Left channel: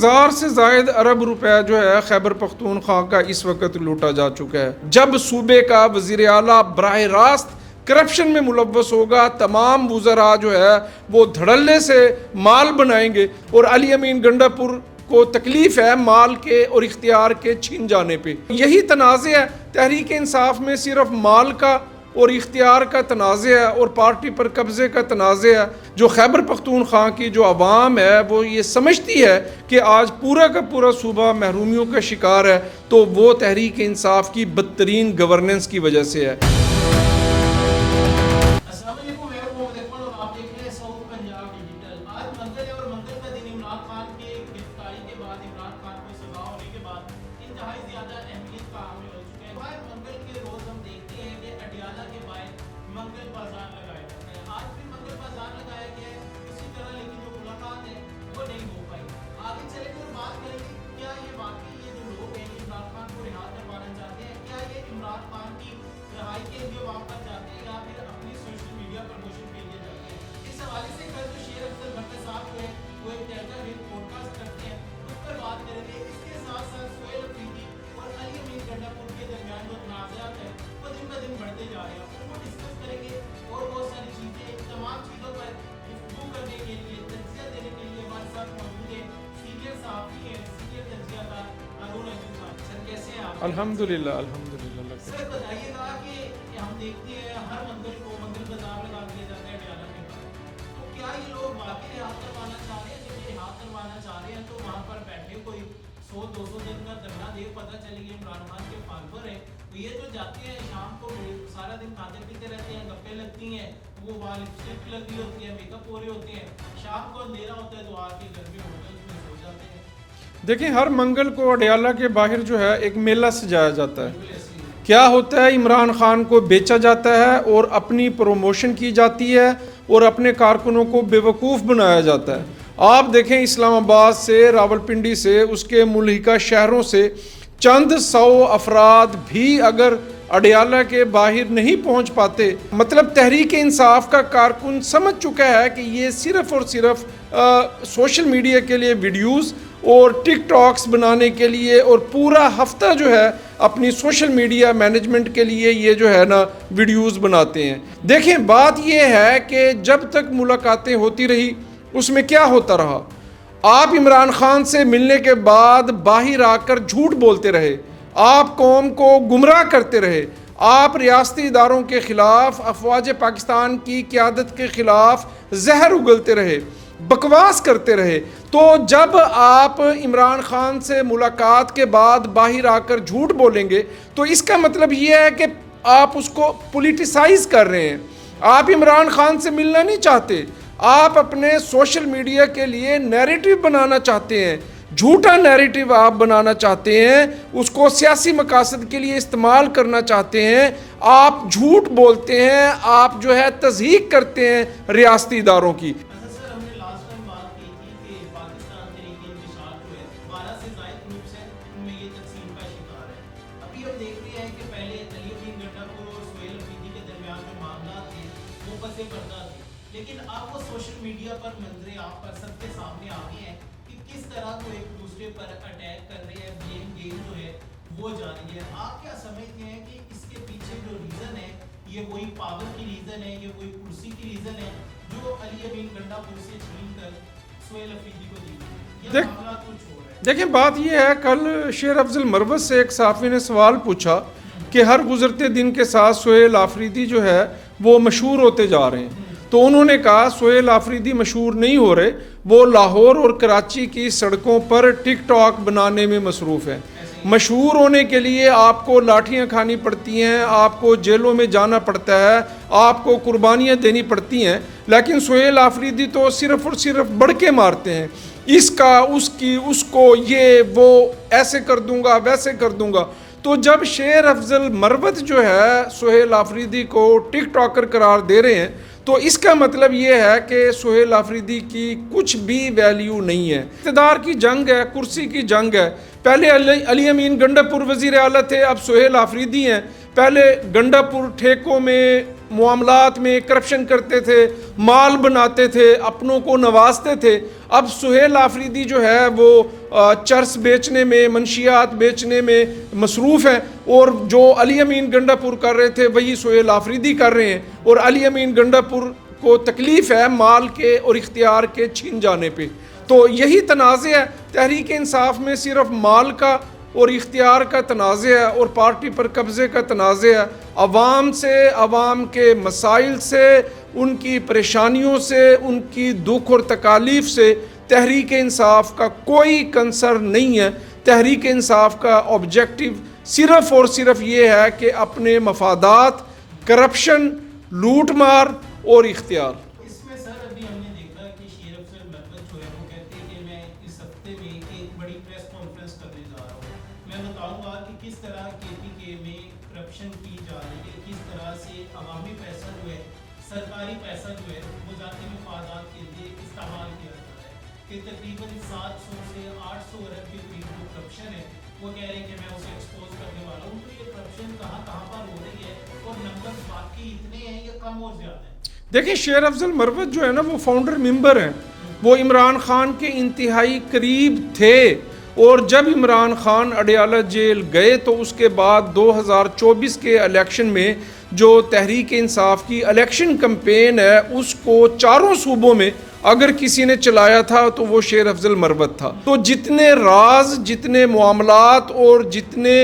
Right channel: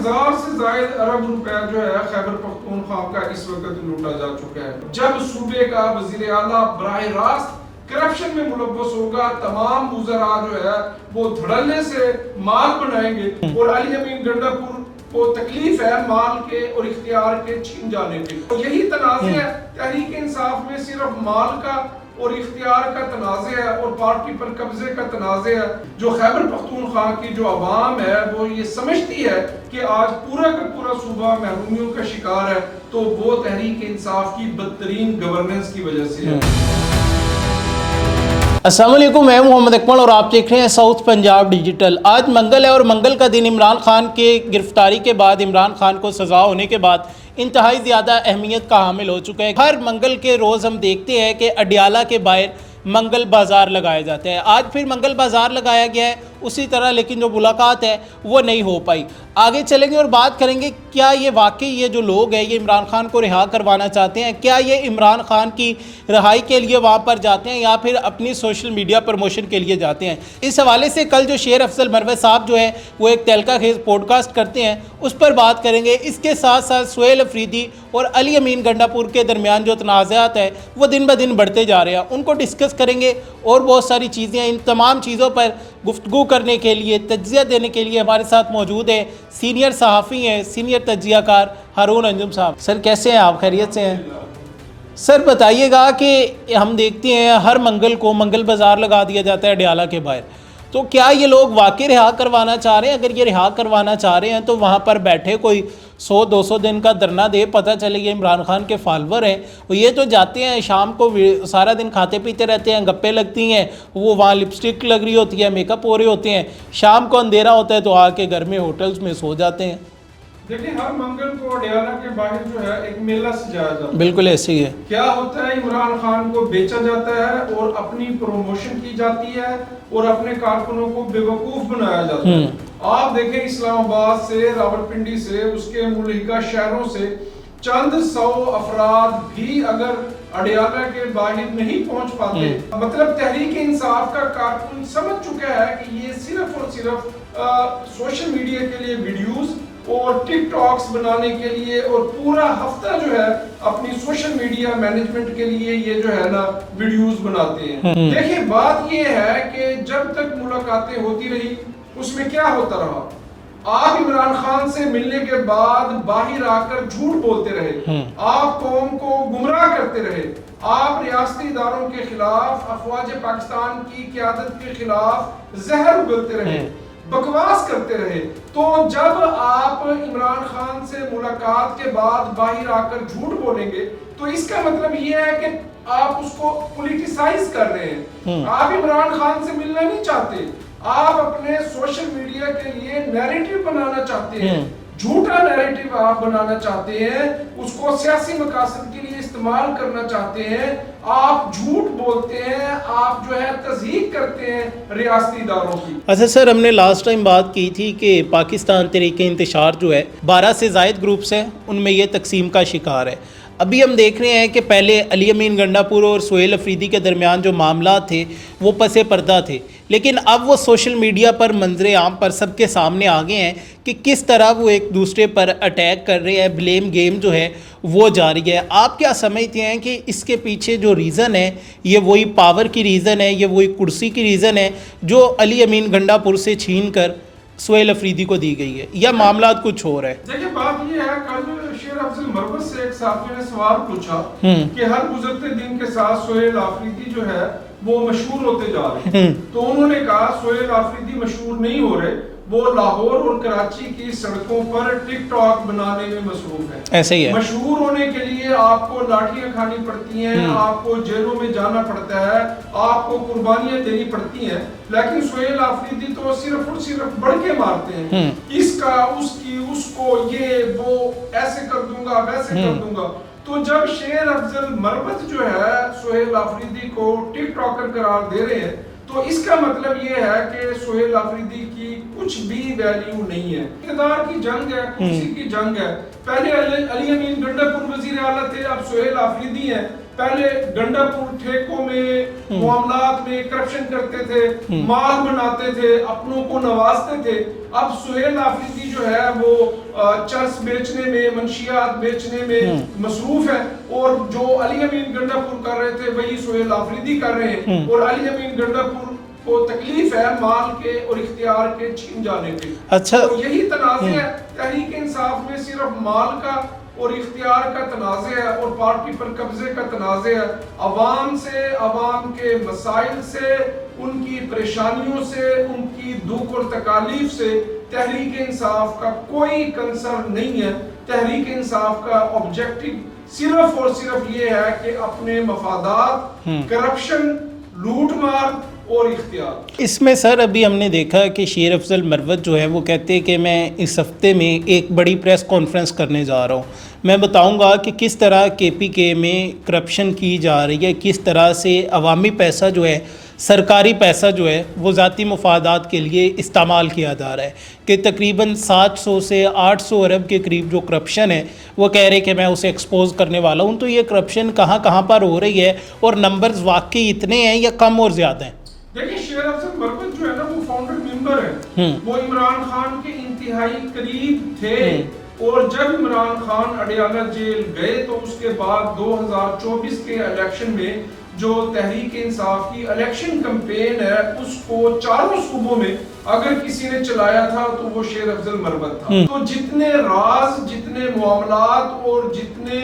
1000 سے زائد ارب روپے جو ہے خیبر پختونخوا کا اس وقت لوٹا جا چکا ہے. جب صوبے کا وزیر اعلیٰ براہ راست کرپشن میں ملوث ہوگا، تمام وزراء جو ہے وہ دھڑلے سے مال بنائیں گے، اور علی امین گنڈا پور کو تکلیف ہے مال کے اور اختیار کے چھین جانے پہ. یہی تنازع ہے تحریک انصاف میں، صرف مال کا اور اختیار کا تنازع ہے اور پارٹی پر قبضے کا تنازع ہے. جو خیبر پختونخوا کی جو عوام ہے وہ یہ سمجھتی ہے کہ آج پورا کا پورا صوبہ محرومیوں کا شکار ہے، تو وہ تحریک انصاف کی بدترین گورننس کی وجہ سے ہے. السلام علیکم، میں محمد اکمل اور آپ دیکھ رہے ہیں ساؤتھ پنجاب ڈیجیٹل. آج منگل ہے اور منگل کا دن عمران خان کے گرفتاری کے بعد، عمران خان کو سزا ہونے کے بعد انتہائی زیادہ اہمیت کا حامل ہو چکا ہے. ہر منگل کے روز ہم دیکھتے ہیں کہ اڈیالہ کے باہر منگل بازار لگائے جاتے ہیں. آج پھر منگل بازار لگایا گیا ہے اسی طرح، لیکن جو ملاقات ہے وہ نہیں ہو پائی. آگے چلیں گے اور بات کریں گے کیا یہ واقعی یہ جو لوگ ہیں یہ عمران خان کو رہا کروانا چاہتے ہیں، کیا یہ عمران خان کی رہائی کے لیے وہاں پر جاتے ہیں یا پھر اپنی سوشل میڈیا پروموشن کے لیے جاتے ہیں. اس حوالے سے کل جو شیر افضل مروت صاحب جو ہے وہ ایک تہلکہ خیز پوڈ کاسٹ کرتے ہیں، اس پر بات کریں گے. اس کے ساتھ ساتھ سہیل افریدی اور علی امین گنڈا پور کے درمیان جو تنازعات ہیں وہ دن بہ دن بڑھتے جا رہے ہیں، ان کو ڈسکس کریں گے. اور بہت ساری چیزیں، ان تمام چیزوں پر گفتگو کرنے کے لیے، تجزیہ دینے کے لیے ہمارے ساتھ موجود ہیں سینئر صحافی ہیں، سینئر تجزیہ کار ہارون انجم صاحب. سر کیسے ہیں آپ؟ خیریت سے ہیں؟ سر بتائیے گا کہ ہم دیکھتے ہیں ہر منگل کو منگل بازار لگا دیا جاتا ہے اڈیالہ کے باہر، تو کیا یہ لوگ واقعی رہا کروانا چاہ رہے ہیں؟ اگر یہ رہا کروانا چاہ رہے ہیں تو وہاں پر بیٹھے کوئی 100-200 دن کا دھرنا دے، پتہ چلے یہ عمران خان کے فالوور ہیں. وہ یہ تو جاتے ہیں شام کو سارا دن کھاتے پیتے رہتے ہیں، گپے لگتی ہیں، وہ وہاں لپسٹک لگ رہی ہوتی ہے، میک اپ ہو رہے ہوتے ہیں، شام کو اندھیرا ہوتا ہے تو آ کے گھر میں ہوٹلز میں سو جاتے ہیں. دیکھیں ہر منگل کو اڈیالہ کے باہر جو ہے ایک میلہ سجایا جاتا ہے. بالکل ایسے ہی ہے. کیا ہوتا ہے، عمران خان کو بیچا جاتا ہے اور اپنی پروموشن کی جاتی ہے اور اپنے کارکنوں کو بے وقوف بنایا جاتا ہے. آپ دیکھیں اسلام آباد سے، راولپنڈی سے، اس کے ملحقہ شہروں سے چند 100 افراد بھی اگر اڈیالہ کے باہر نہیں پہنچ پاتے، مطلب تحریک انصاف کا کارکن سمجھ چکا ہے کہ یہ صرف اور صرف سوشل میڈیا کے لیے ویڈیوز اور ٹک ٹاکس بنانے کے لیے اور پورا ہفتہ جو ہے اپنی سوشل میڈیا مینجمنٹ کے لیے یہ جو ہے نا ویڈیوز بناتے ہیں. دیکھیں بات یہ ہے کہ جب تک ملاقاتیں ہوتی رہی اس میں کیا ہوتا رہا، آپ عمران خان سے ملنے کے بعد باہر آ کر جھوٹ بولتے رہے، آپ قوم کو گمراہ کرتے رہے، آپ ریاستی اداروں کے خلاف، افواج پاکستان کی قیادت کے خلاف زہر اگلتے رہے، بکواس کرتے رہے. تو جب آپ عمران خان سے ملاقات کے بعد باہر آ کر جھوٹ بولیں گے تو اس کا مطلب یہ ہے کہ آپ اس کو پولیٹیسائز کر رہے ہیں. آپ عمران خان سے ملنا نہیں چاہتے، آپ اپنے سوشل میڈیا کے لیے نیریٹو بنانا چاہتے ہیں، جھوٹا نیریٹو آپ بنانا چاہتے ہیں، اس کو سیاسی مقاصد کے لیے استعمال کرنا چاہتے ہیں. آپ جھوٹ بولتے ہیں، آپ جو ہے تضحیق کرتے ہیں ریاستی اداروں کی. اچھا سر، ہم نے لاسٹ ٹائم بات کی تھی کہ پاکستان تحریک انتشار جو ہے 12 سے زائد گروپس ہیں، ان میں یہ تقسیم کا شکار ہے. ابھی ہم دیکھ رہے ہیں کہ پہلے علی امین گنڈا پور اور سہیل افریدی کے درمیان جو معاملات تھے وہ پس پردہ تھے، لیکن اب وہ سوشل میڈیا پر منظر عام پر سب کے سامنے آ گئے ہیں کہ کس طرح وہ ایک دوسرے پر اٹیک کر رہے ہیں. بلیم گیم جو ہے وہ جاری ہے. آپ کیا سمجھتے ہیں کہ اس کے پیچھے جو ریزن ہے یہ وہی پاور کی ریزن ہے، یہ وہی کرسی کی ریزن ہے جو علی امین گنڈا پور سے چھین کر سہیل افریدی کو دی گئی ہے، یا معاملات کچھ ہو رہا ہے؟ دیکھیں بات یہ ہے، کل شیر افضل مروت سے ایک صحافی نے سوال پوچھا کہ ہر گزرتے دن کے ساتھ سہیل افریدی جو ہے وہ مشہور ہوتے جا رہے ہیں، تو انہوں نے کہا سہیل افریدی مشہور نہیں ہو رہے، وہ لاہور اور کراچی کی سڑکوں پر ٹک ٹاک بنانے میں مصروف ہے. ایسے ہی ہے. مشہور ہونے کے لیے آپ کو لاٹھیاں کھانی پڑتی ہیں، آپ کو جیلوں میں جانا پڑتا ہے، آپ کو قربانیاں دینی پڑتی ہیں، لیکن سہیل افریدی تو صرف اور صرف بڑھ کے مارتے ہیں، اس کا، اس کی، اس کو، یہ وہ ایسے کر دوں گا، ویسے کر دوں گا. تو جب شیر افضل مروت جو ہے سہیل افریدی کو ٹک ٹاکر قرار دے رہے ہیں تو اس کا مطلب یہ ہے کہ سہیل افریدی کی کچھ بھی ویلیو نہیں ہے. اقتدار کی جنگ ہے، کرسی کی جنگ ہے. پہلے علی امین گنڈا پور وزیر اعلیٰ تھے، اب سہیل افریدی ہیں. پہلے گنڈاپور ٹھیکوں میں معاملات میں کرپشن کرتے تھے، مال بناتے تھے، اپنوں کو نوازتے تھے. اب سہیل آفریدی جو ہے وہ چرس بیچنے میں، منشیات بیچنے میں مصروف ہے، اور جو علی امین گنڈاپور کر رہے تھے وہی سہیل آفریدی کر رہے ہیں. اور علی امین گنڈاپور کو تکلیف ہے مال کے اور اختیار کے چھین جانے پہ. تو یہی تنازع ہے تحریک انصاف میں، صرف مال کا اور اختیار کا تنازع ہے اور پارٹی پر قبضے کا تنازع ہے. عوام سے، عوام کے مسائل سے، ان کی پریشانیوں سے، ان کی دکھ اور تکالیف سے تحریک انصاف کا کوئی کنسر نہیں ہے. تحریک انصاف کا آبجیکٹو صرف اور صرف یہ ہے کہ اپنے مفادات، کرپشن، لوٹ مار اور اختیار. اس میں سر ابھی ہم نے دیکھا کہ شیر افضل مروت جو ہے وہ کہتے ہیں کہ میں اس ہفتے میں ایک بڑی پریس کانفرنس کرنے جا رہا ہوں، میں بتاؤں گا کہ کس طرح کے پی کے میں کرپشن کی جا رہی ہے، کس طرح سے عوامی پیسہ جو ہے، سرکاری پیسہ جو ہے وہ ذاتی مفادات کے لیے استعمال کیا جا رہا ہے، کہ تقریباً 700 سے 800 ارب کے قریب جو کرپشن ہے وہ کہہ رہے کہ میں اسے ایکسپوز کرنے والا ہوں. تو یہ کرپشن کہاں کہاں پر ہو رہی ہے اور نمبرز واقعی اتنے ہیں یا کم اور زیادہ ہیں؟ دیکھیں شیر افضل مروت جو ہے نا وہ فاؤنڈر ممبر ہیں، وہ عمران خان کے انتہائی قریب تھے، اور جب عمران خان اڈیالہ جیل گئے تو اس کے بعد 2024 کے الیکشن میں جو تحریک انصاف کی الیکشن کمپین ہے اس کو چاروں صوبوں میں اگر کسی نے چلایا تھا تو وہ شیر افضل مروت تھا. تو جتنے راز، جتنے معاملات اور جتنے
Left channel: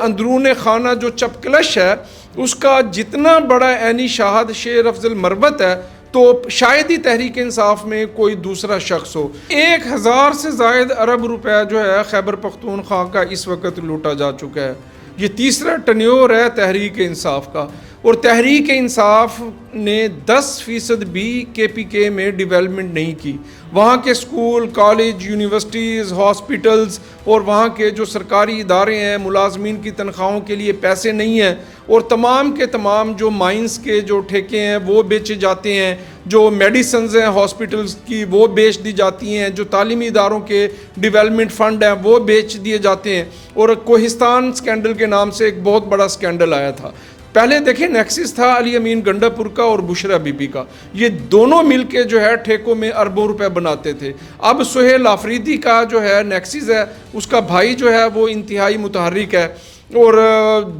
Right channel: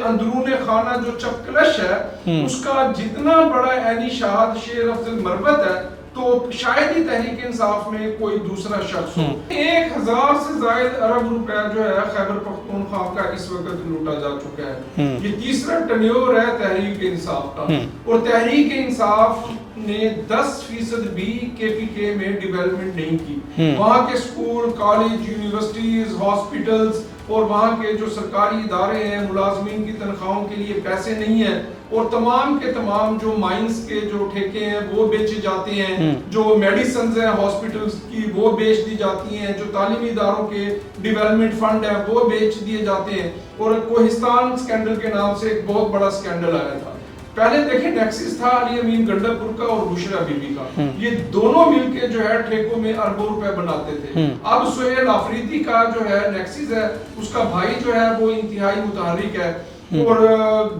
اندرون خانہ جو چپکلش ہے اس کا جتنا بڑا عینی شاہد شیر افضل مروت ہے، تو شاید ہی تحریک انصاف میں کوئی دوسرا شخص ہو. 1000 سے زائد ارب روپے جو ہے خیبر پختونخوا کا اس وقت لوٹا جا چکا ہے. یہ تیسرا ٹنیور ہے تحریک انصاف کا، اور تحریک انصاف نے 10% بھی کے پی کے میں ڈیولپمنٹ نہیں کی. وہاں کے سکول، کالج، یونیورسٹیز، ہاسپٹلز اور وہاں کے جو سرکاری ادارے ہیں، ملازمین کی تنخواہوں کے لیے پیسے نہیں ہیں، اور تمام کے تمام جو مائنز کے جو ٹھیکے ہیں وہ بیچے جاتے ہیں، جو میڈیسنز ہیں ہاسپٹلز کی وہ بیچ دی جاتی ہیں، جو تعلیمی اداروں کے ڈیولپمنٹ فنڈ ہیں وہ بیچ دیے جاتے ہیں. اور کوہستان سکینڈل کے نام سے ایک بہت بڑا سکینڈل آیا تھا. پہلے دیکھیں نیکسس تھا علی امین گنڈاپور کا اور بشرا بی بی کا، یہ دونوں مل کے جو ہے ٹھیکوں میں اربوں روپے بناتے تھے. اب سہیل آفریدی کا جو ہے نیکسس ہے، اس کا بھائی جو ہے وہ انتہائی متحرک ہے. اور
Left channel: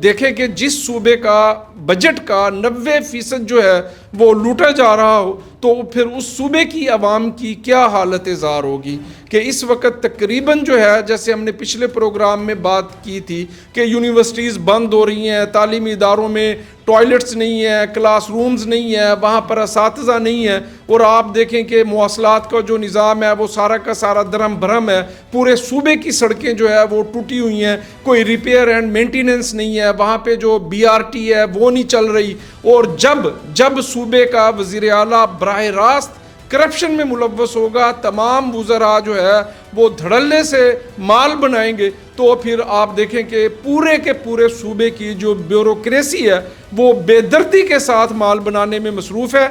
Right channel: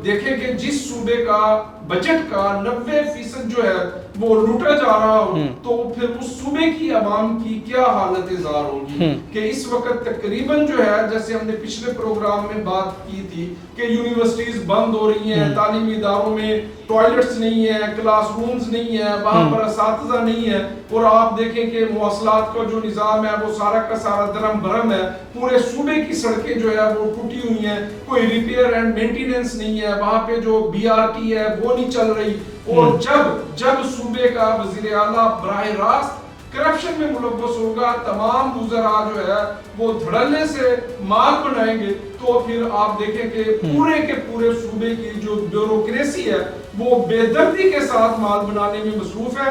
دیکھیں کہ جس صوبے کا بجٹ کا 90% جو ہے وہ لوٹا جا رہا ہو تو پھر اس صوبے کی عوام کی کیا حالت زار ہوگی. کہ اس وقت تقریباً جو ہے جیسے ہم نے پچھلے پروگرام میں بات کی تھی کہ یونیورسٹیز بند ہو رہی ہیں، تعلیمی اداروں میں ٹوائلٹس نہیں ہیں، کلاس رومز نہیں ہیں، وہاں پر اساتذہ نہیں ہیں، اور آپ دیکھیں کہ مواصلات کا جو نظام ہے وہ سارا کا سارا درم بھرم ہے. پورے صوبے کی سڑکیں جو ہے وہ ٹوٹی ہوئی ہیں، کوئی ریپیئر اینڈ مینٹیننس نہیں ہے، وہاں پہ جو BRT ہے وہ نہیں چل رہی. اور جب صوبے کا وزیر اعلیٰ براہ راست کرپشن میں ملوث ہوگا، تمام وزراء جو ہے وہ دھڑلے سے مال بنائیں گے، تو پھر آپ دیکھیں کہ پورے کے پورے صوبے کی جو بیوروکریسی ہے وہ بے دردی کے ساتھ مال بنانے میں مصروف ہے،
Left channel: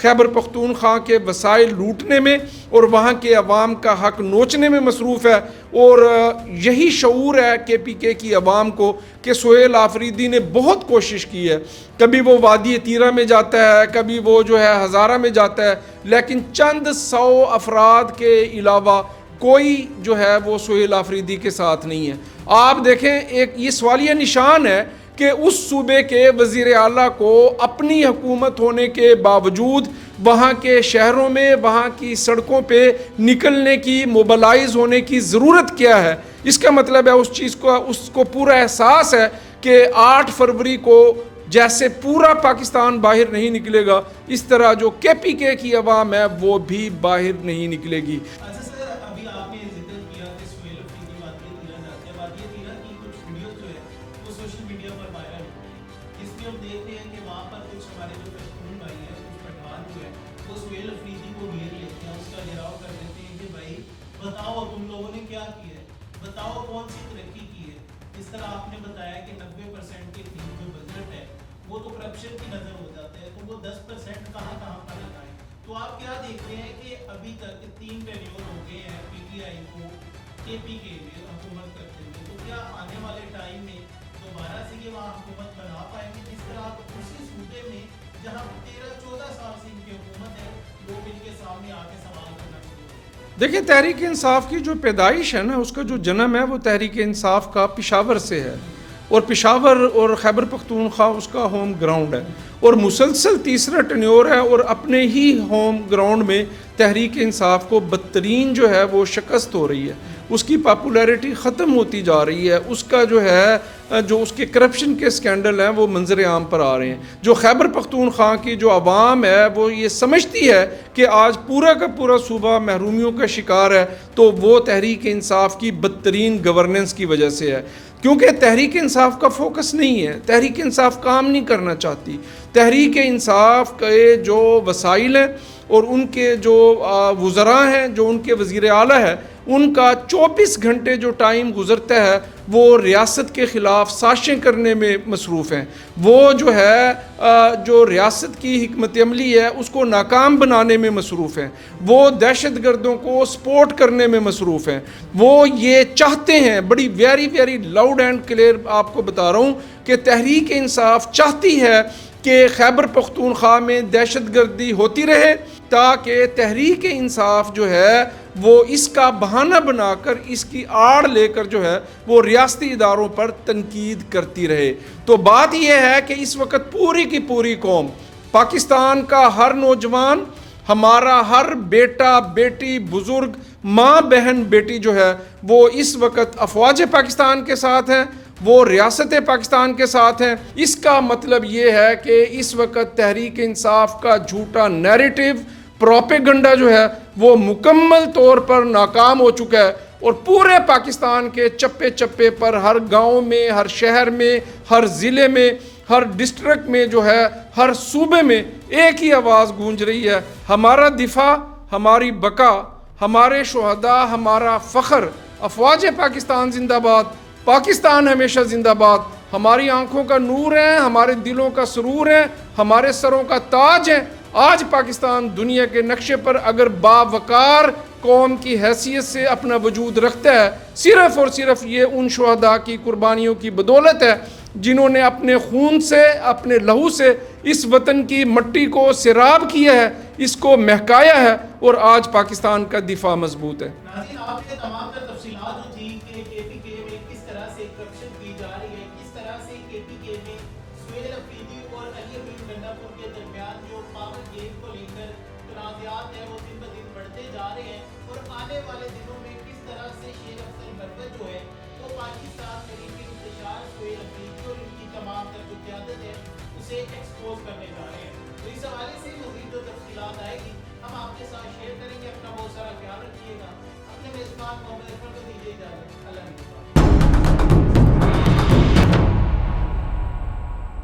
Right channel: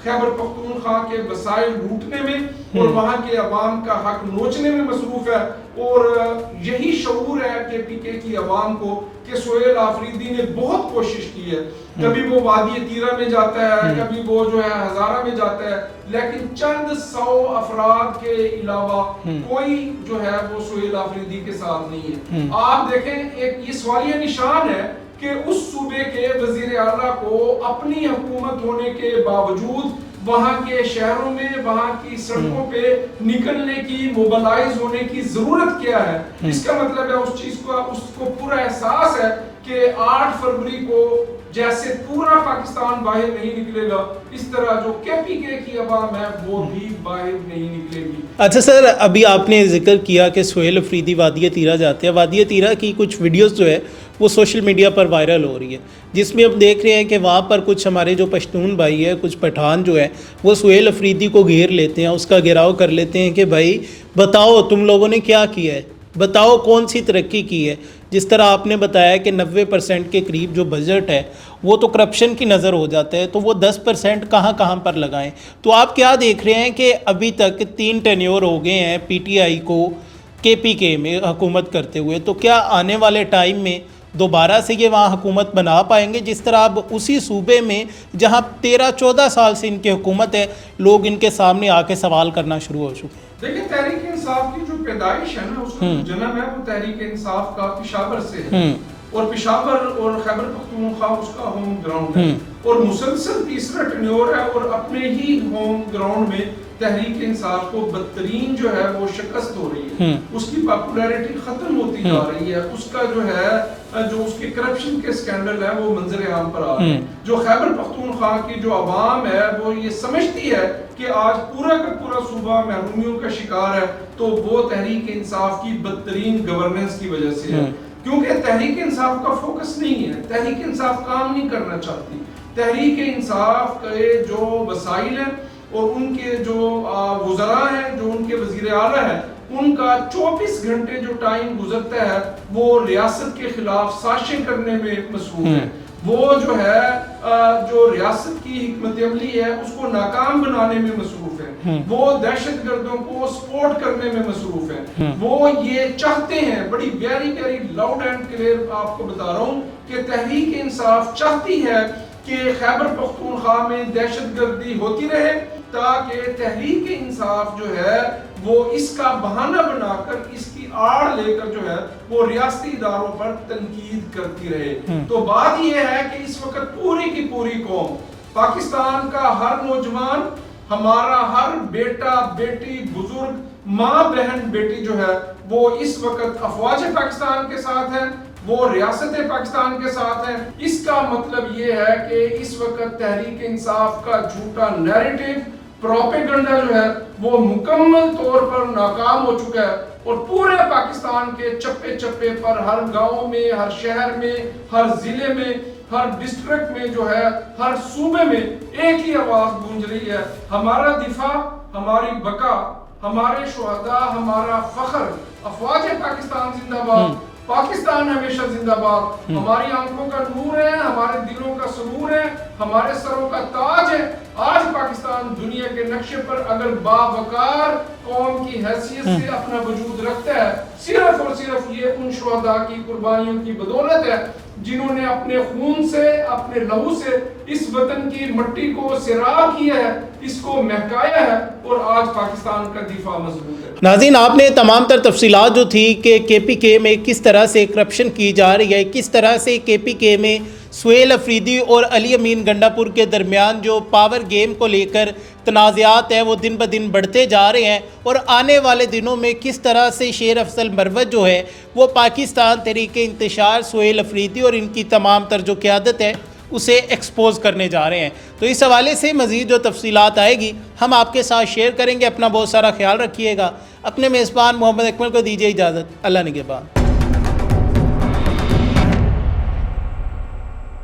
خیبر پختونخوا کے وسائل لوٹنے میں اور وہاں کے عوام کا حق نوچنے میں مصروف ہے. اور یہی شعور ہے کے پی کے کی عوام کو کہ سہیل آفریدی نے بہت کوشش کی ہے، کبھی وہ وادی تیرہ میں جاتا ہے، کبھی وہ جو ہے ہزارہ میں جاتا ہے، لیکن چند 100 افراد کے علاوہ کوئی جو ہے وہ سہیل آفریدی کے ساتھ نہیں ہے. آپ دیکھیں ایک یہ سوالیہ نشان ہے کہ اس صوبے کے وزیر اعلیٰ کو اپنی حکومت ہونے کے باوجود وہاں کے شہروں میں، وہاں کی سڑکوں پہ نکلنے کی، موبلائز ہونے کی ضرورت کیا ہے. اس کا مطلب ہے اس کو پورا احساس ہے کہ 8 فروری کو جیسے پورا پاکستان باہر نہیں نکلے گا، اس طرح جو کے پی کے کی عوام ہے وہ بھی باہر نہیں نکلے گی. اچھا سر، ابھی آپ نے ذکر کیا کہ سہیل آفریدی وادی تیرہ جاتے ہیں. وادی تیرہ کی کچھ ویڈیوز جو ہے وہ سوشل میڈیا پر وائرل ہو رہی ہے، جس میں ہم دیکھ رہے ہیں کہ وہاں پر کچھ ہمارے جو پشتون بھائی ہے، کچھ پٹھان جو ہے وہ سہیل آفریدی کو گھیر لیتے ہیں، اس کا گھیراؤ کر لیتے ہیں کہ بھائی بتاؤ تم لوگوں نے کیا کیا ہے، بتاؤ کون سی ترقی کی ہے. جس طرح آپ نے بتایا کہ 90% کے قریب جو بجٹ ہے وہ تو کرپشن کی نظر ہو جاتا ہے، تو وہ 10% کہاں کہاں پر لگائیں. تو آپ کیا دیکھ رہے ہیں کہ ابھی تک 3 ٹینیور ہو گئے ہیں پی ٹی آئی کو کے پی کے میں حکومت کرتے ہوئے، تو کیا آنے والے ٹائم میں دوبارہ سے یہ وہاں حکومت بنا پائیں گے، جس طرح اب اسی صوبے میں جہاں 13-14 سال سے ان کی حکومت ہے، لوگ ان کے سامنے آ کے سوال کرنا شروع ہو چکے؟ دیکھیں تحریک انصاف کی جو پیدائش ہے نا، اس کا جو جنم ہے وہ تحریک انصاف کا پشاور سے ہے، اور پشاور اور خیبر پختونخوا اس کا ہوم گراؤنڈ ہے، اور مسلسل تیسرا ٹینیور ہے، اور اپنے ہی ہوم گراؤنڈ میں تحریک انصاف کو بدترین جو ہے وہ شکست ہو رہی ہے، اس کی پاپولیرٹی ختم ہوتی جا رہی ہے، اس کا جو ہے جو اس کے کرپشن کے سکینڈل ہیں وہ منظر عام پر آ رہے ہیں۔ جو خیبر پختونخوا کی جو عوام ہے وہ یہ سمجھتی ہے کہ آج پورا کا پورا صوبہ محرومیوں کا شکار ہے، تو وہ تحریک انصاف کی بدترین گورننس کی وجہ سے ہے، کیونکہ تحریک انصاف کا فوکس نہیں ہے، تحریک انصاف کام نہیں کرنا چاہتی۔ تحریک انصاف کے جو وسائل ہیں اور ان کے جو وزراء ہیں، جو ان کے وزیر اعلیٰ ہیں، ان کا 24 گھنٹے جو ٹائم گزرتا ہے وہ ریاست کے خلاف سازشیں کرنے میں مصروف ہیں، وہ جو ہے جو ریاست کی حکمت عملی ہے اس کو ناکام بنانے میں مصروف ہیں، وہ دہشت گردوں کو سپورٹ کرنے میں مصروف ہیں، وہ یہ چاہتے ہیں، بڑی ویری لاؤڈ اینڈ کلیئر آپ کو بتا رہا ہوں کہ تحریک انصاف چاہتی ہے کہ خیبر پختونخوا میں دہشت گردی ہوتی رہے، تاکہ تحریک انصاف جو ہے وہ اس کا بہانہ بنا کر، اس کی آڑ لے کر جو ہے وہ ریاستی اداروں پر تنقید کرتی رہے۔ تو بات یہ ہے کہ اس وقت پوری کی پوری قوم، پاکستان کا ہر نوجوان، ہمارا ہر بیٹا بیٹی، بزرگ، ماں بہن بیٹی جو ہے وہ اس وقت افواج پاکستان کے ساتھ ہے، وہ ریاست پاکستان کے ساتھ ہیں۔ اس کا مطلب یہ ہے کہ اس وقت تحریک انصاف کا جھوٹا نیریٹو، پروپیگنڈا جو ہے وہ مکمل طور پر ناکام ہو چکا ہے، اور پورے پاکستان کے چپے چپے پر، ہر گاؤں میں، ہر شہر میں، ہر ضلع میں، ہر ڈسٹرکٹ میں جو ہے، ہر صوبے میں ایک ہی آواز گونج رہی ہے: ہمارا دفاع، ہماری بقا، ہمارے شہداء، ہمارا فخر، افواج پاکستان زندہ باد، پاکستان ہمیشہ زندہ باد، ہماری آنکھوں کا نور ہے، ہمارے دلوں کا سرور ہے، ہمارے سروں کا تاج ہے۔ آج پاکستان دنیا کے نقشے پر اگر باوقار قوم کی حیثیت سے اپنا وجود رکھتا ہے، صرف اور صرف یہ ان شہداء کی قربانیوں کی بدولت ہے جنہوں نے اپنے خون سے، اپنے لہو سے اس وطن کی مٹی کو سیراب کیا ہے، اس کو مہکایا ہے، اور آج پاکستان کا دفاع مضبوط ہے۔ ناظرین، آپ نے تمام تر تفصیلات جو تھی کہ کے پی کے میں کس طرح سے کرپشن کی جا رہی ہے، کس طرح سے کے پی کے میں سہیل افریدی اور علی امین گنڈا پور کے درمیان جو پاور گیم کو لے کر تنازعات ہیں وہ دن بدن بڑھتے جا رہے ہیں، اور آنے والے دنوں میں کس طرح سے شیر افضل مروت جو ہے وہ پاکستان تحریک انتشار، سہیل افریدی اور ان کی تمام تر جو قیادت ہے اسے ایکسپوز کرنے جا رہے ہیں۔ تو اس حوالے سے مزید جو تفصیلات آئے گی ہم آپ کے ساتھ شیئر کریں گے۔ اپنا بہت سارا خیال رکھیے گا۔ اپنے میزبان محمد اکمل کو دیجیے اجازت۔ اللہ نگہبان۔